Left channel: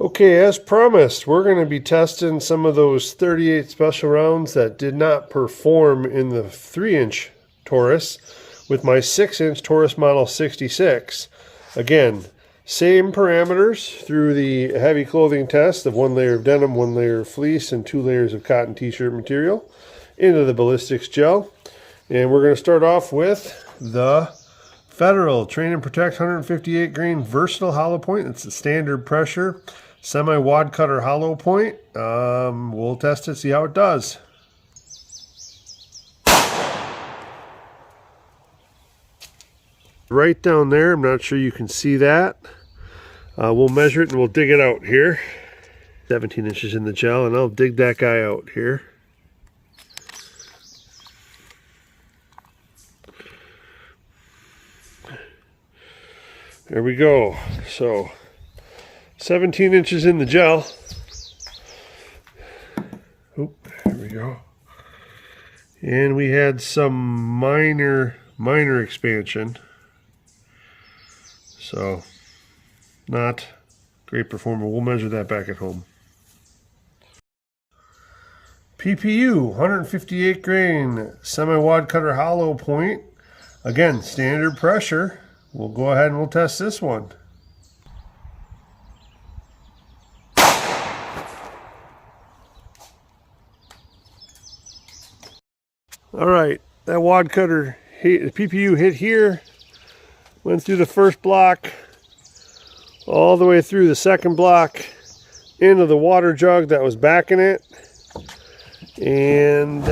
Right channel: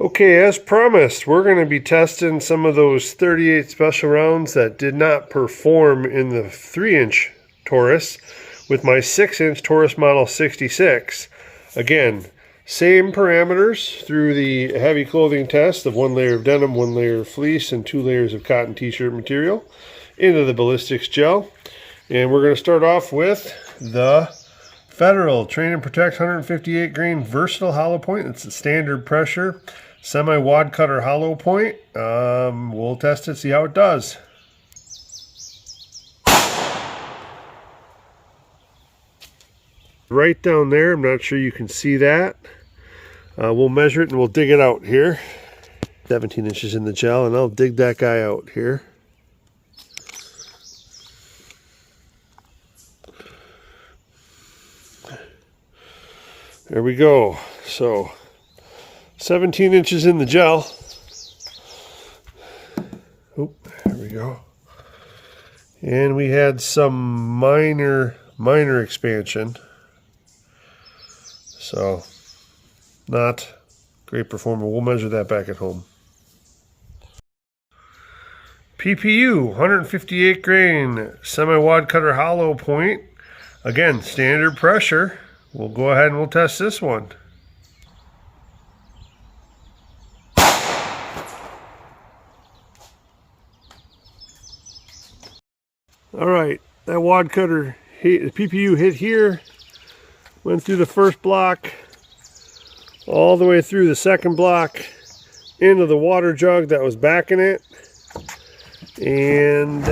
Okay, as promised, we're going to be testing some of those 38 special rounds that did not perform in the 3-inch Taurus with my 6-inch Taurus Model 66. Again, same parameters through the heavy clothing test of 1 layer of denim, 1 layer of fleece, and 2 layers of cotton t-shirt material into the ballistics gel. And we're going to start off with the Federal Train and Protect 158 grain versatile hollow point. It's a standard pressure semi-wad cutter hollow point. We'll test it, see how it does. Right down there, I'm not sure you can see that. We'll measure it and we'll dig it out here. 17 inches in the gel, and I'll dig that guy out here. There we go. So 17 inches in the gel. Oop, there we go. And we had some minor expansion. So not great performer. We'll measure that back at home. PPU 158 grain semi-wad cutter hollow point. Again, standard pressure. We'll go ahead and we'll test this one. All right, that wad cutter hit, PPU hit here, went through the first block, all the way through the second block, into the water jug that was backing it, and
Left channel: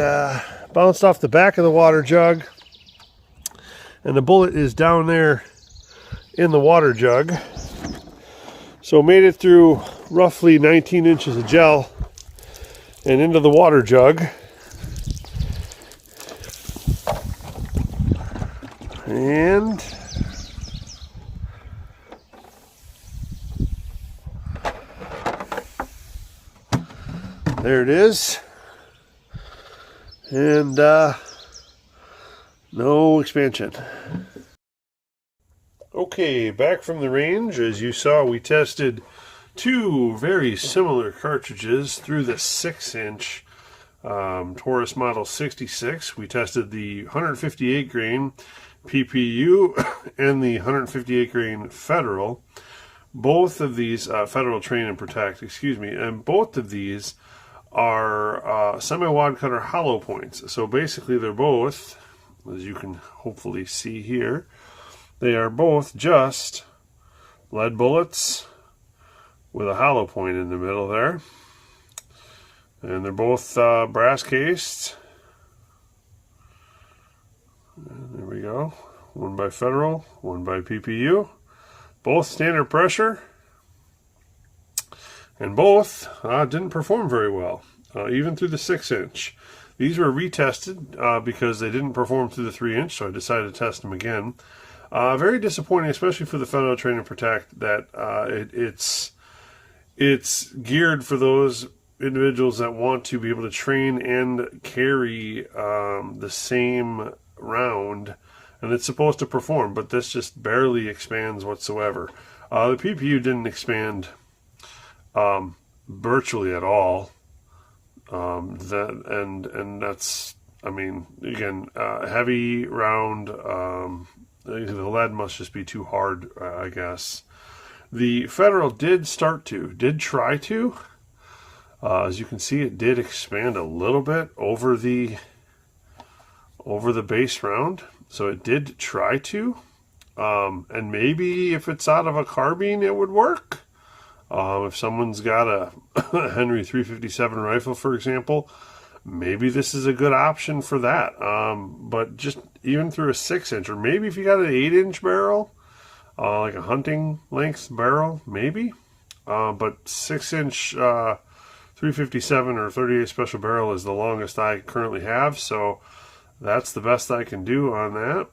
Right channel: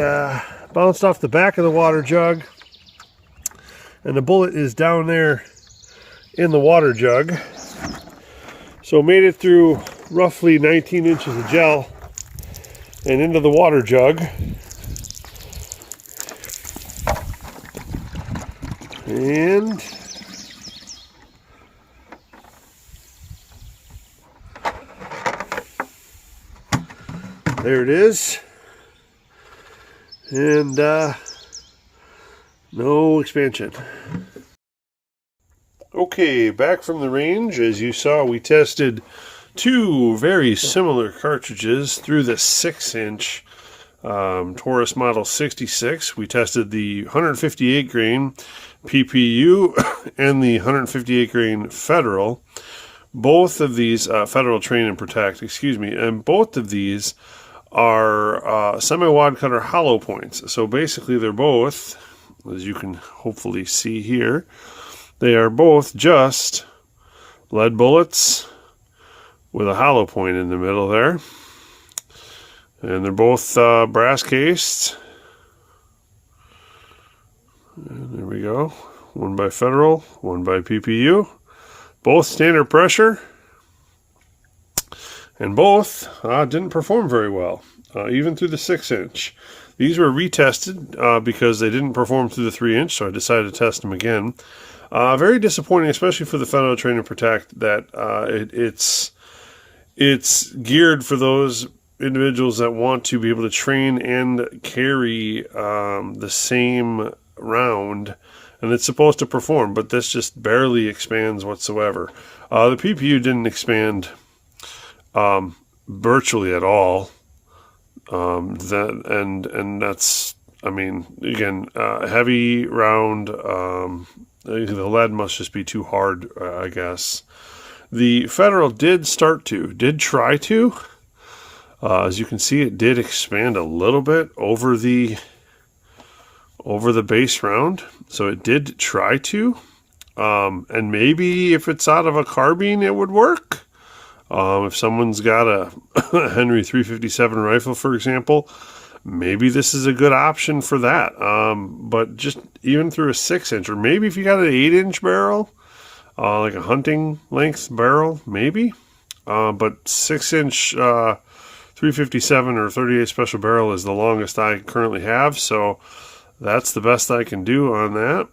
bounced off the back of the water jug, and the bullet is down there in the water jug. So made it through roughly 19 inches of gel and into the water jug. And there it is. And no expansion. Okay, back from the range. As you saw, we tested two very similar cartridges through the 6-inch Taurus Model 66. We tested the 158 grain PPU and the 158 grain Federal. Both of these, Federal Train and Protect, excuse me, and both of these are semi-wad cutter hollow points. So basically they're both, as you can hopefully see here, they are both just lead bullets with a hollow point in the middle there. And they're both brass cased. And there we go. One by Federal, one by PPU. Both standard pressure. And both didn't perform very well, even through the 6-inch. These were retested because they didn't perform through the 3-inch, so I decided to test them again. Very disappointing, especially for the Federal Train and Protect, that it's geared for those individuals that want to be able to train and carry the same round, and it's supposed to perform, but this just barely expands whatsoever. The PPU didn't expand virtually at all. That's, I mean, again, heavy round. The lead must just be too hard, I guess. The Federal did try to. As you can see, it did expand a little bit over the base round. So it did try to. And maybe if it's out of a carbine, it would work. If someone's got a Henry 357 rifle, for example, maybe this is a good option for that. But just even through a 6-inch, or maybe if you got an 8-inch barrel, like a hunting length barrel, maybe. But 6-inch 357 or 38 special barrel is the longest I currently have, so that's the best I can do on that.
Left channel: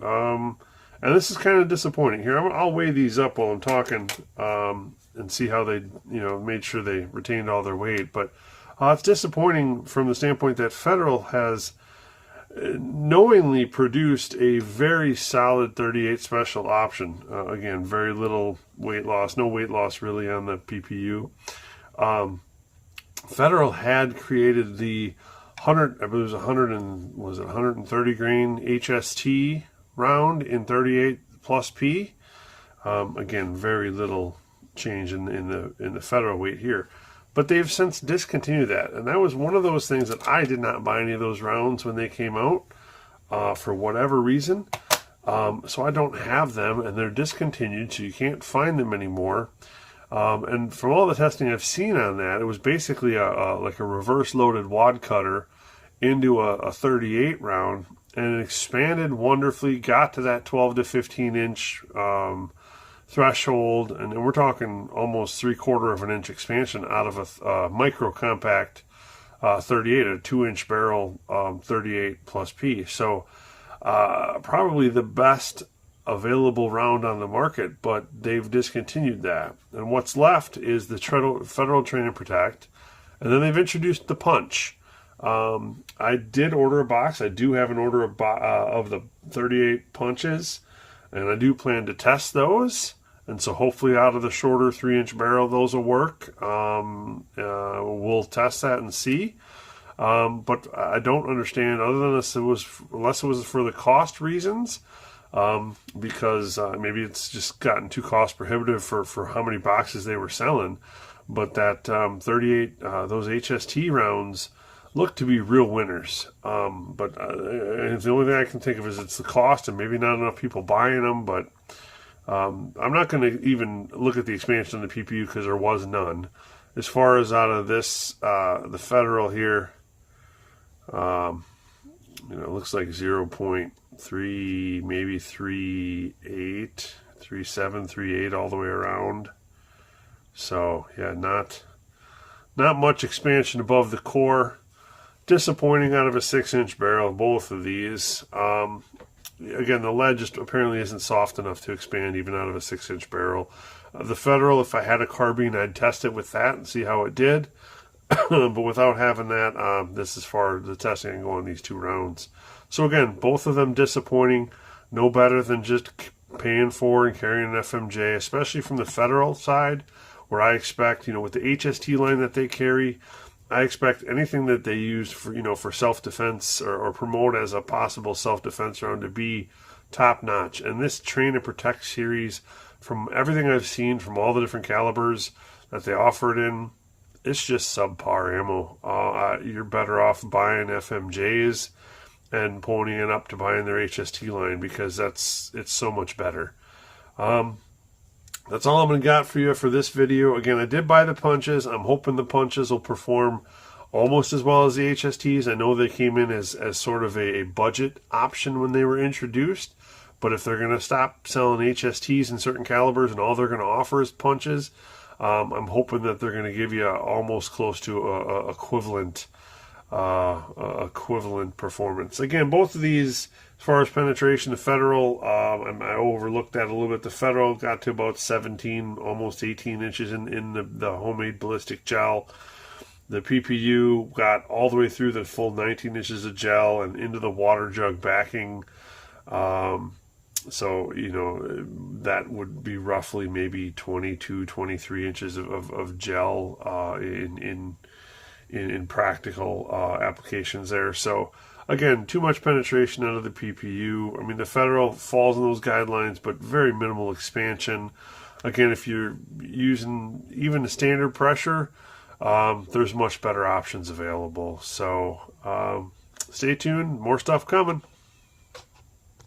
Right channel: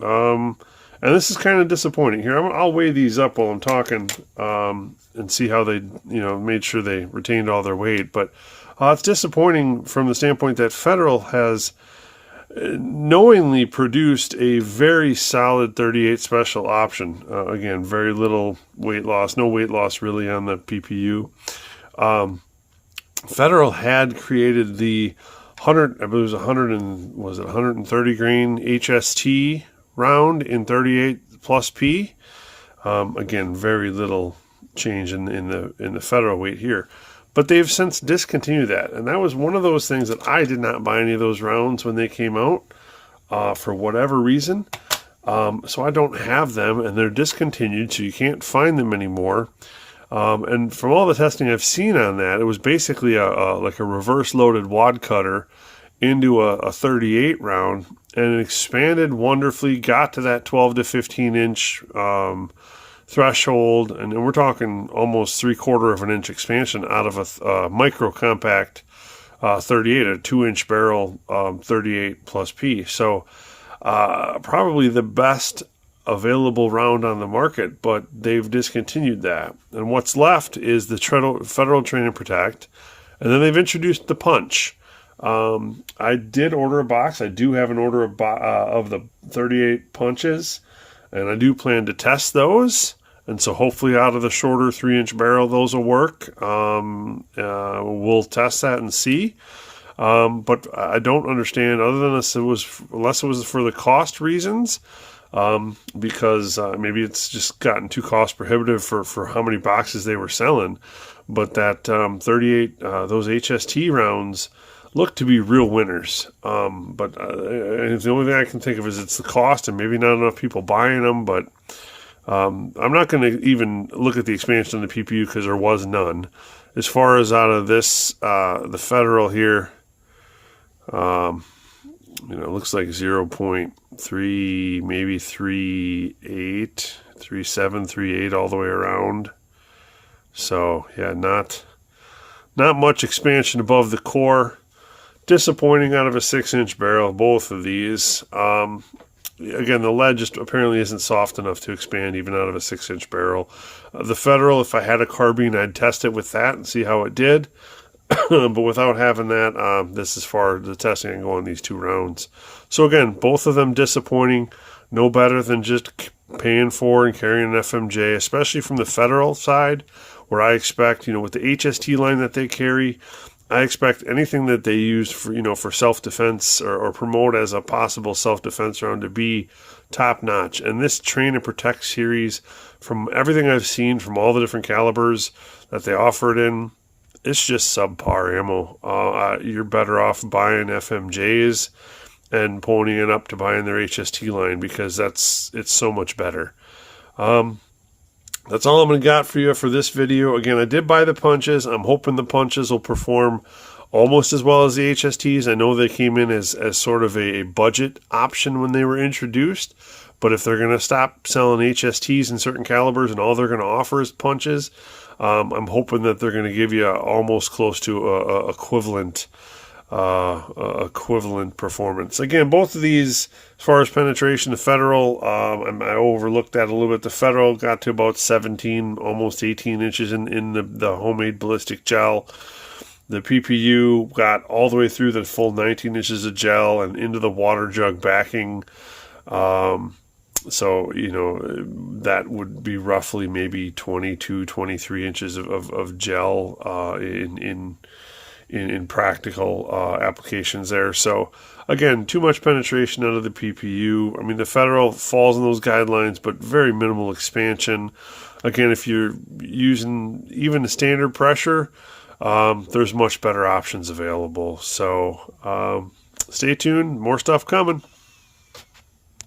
And this is kind of disappointing. Here, I'll weigh these up while I'm talking and see how they, made sure they retained all their weight. But it's disappointing from the standpoint that Federal has knowingly produced a very solid 38 special option. Again, very little weight loss, no weight loss really on the PPU. Federal had created the 100, I believe it was 100 and was it 130 grain HST round in 38 plus P. Again, very little change in the federal weight here. But they've since discontinued that. And that was one of those things that I did not buy any of those rounds when they came out for whatever reason. So I don't have them, and they're discontinued, so you can't find them anymore. And from all the testing I've seen on that, it was basically like a reverse loaded wad cutter into a 38 round, and it expanded wonderfully, got to that 12 to 15 inch threshold, and we're talking almost 3/4 of an inch expansion out of a micro compact 38, a 2-inch barrel 38 plus P. So probably the best available round on the market, but they've discontinued that. And what's left is the Federal Train and Protect, and then they've introduced the Punch. I did order a box. I do have an order of the 38 punches, and I do plan to test those. And so hopefully out of the shorter 3-inch barrel, those will work. We'll test that and see. But I don't understand, other than unless it was for the cost reasons, because maybe it's just gotten too cost prohibitive for how many boxes they were selling. But that 38, those HST rounds look to be real winners. But the only thing I can think of is it's the cost and maybe not enough people buying them. But I'm not going to even look at the expansion of the PPU because there was none. As far as out of this, the Federal here, it looks like 0.3, maybe 3.8, 3.7, 3.8 all the way around. So yeah, not much expansion above the core. Disappointing out of a 6-inch barrel, both of these. Again, the lead just apparently isn't soft enough to expand even out of a 6-inch barrel. The Federal, if I had a carbine, I'd test it with that and see how it did. But without having that, this is far the testing I can go on these 2 rounds. So again, both of them disappointing. No better than just paying for and carrying an FMJ, especially from the Federal side, where I expect, with the HST line that they carry, I expect anything that they use for self-defense or promote as a possible self-defense round to be top-notch. And this Train and Protect series, from everything I've seen from all the different calibers that they offer it in, it's just subpar ammo. You're better off buying FMJs and ponying up to buying their HST line because it's so much better. That's all I'm going to got for you for this video. Again, I did buy the punches. I'm hoping the punches will perform almost as well as the HSTs. I know they came in as sort of a budget option when they were introduced. But if they're going to stop selling HSTs in certain calibers and all they're going to offer is punches, I'm hoping that they're going to give you almost close to equivalent performance. Again, both of these, as far as penetration, the Federal, I overlooked that a little bit. The Federal got to about 17, almost 18 inches in the homemade ballistic gel. The PPU got all the way through the full 19 inches of gel and into the water jug backing. So, that would be roughly maybe 22, 23 inches of gel in practical applications there. So, again, too much penetration out of the PPU. I mean, the Federal falls in those guidelines, but very minimal expansion. Again, if you're using even the standard pressure, there's much better options available. So, stay tuned. More stuff coming.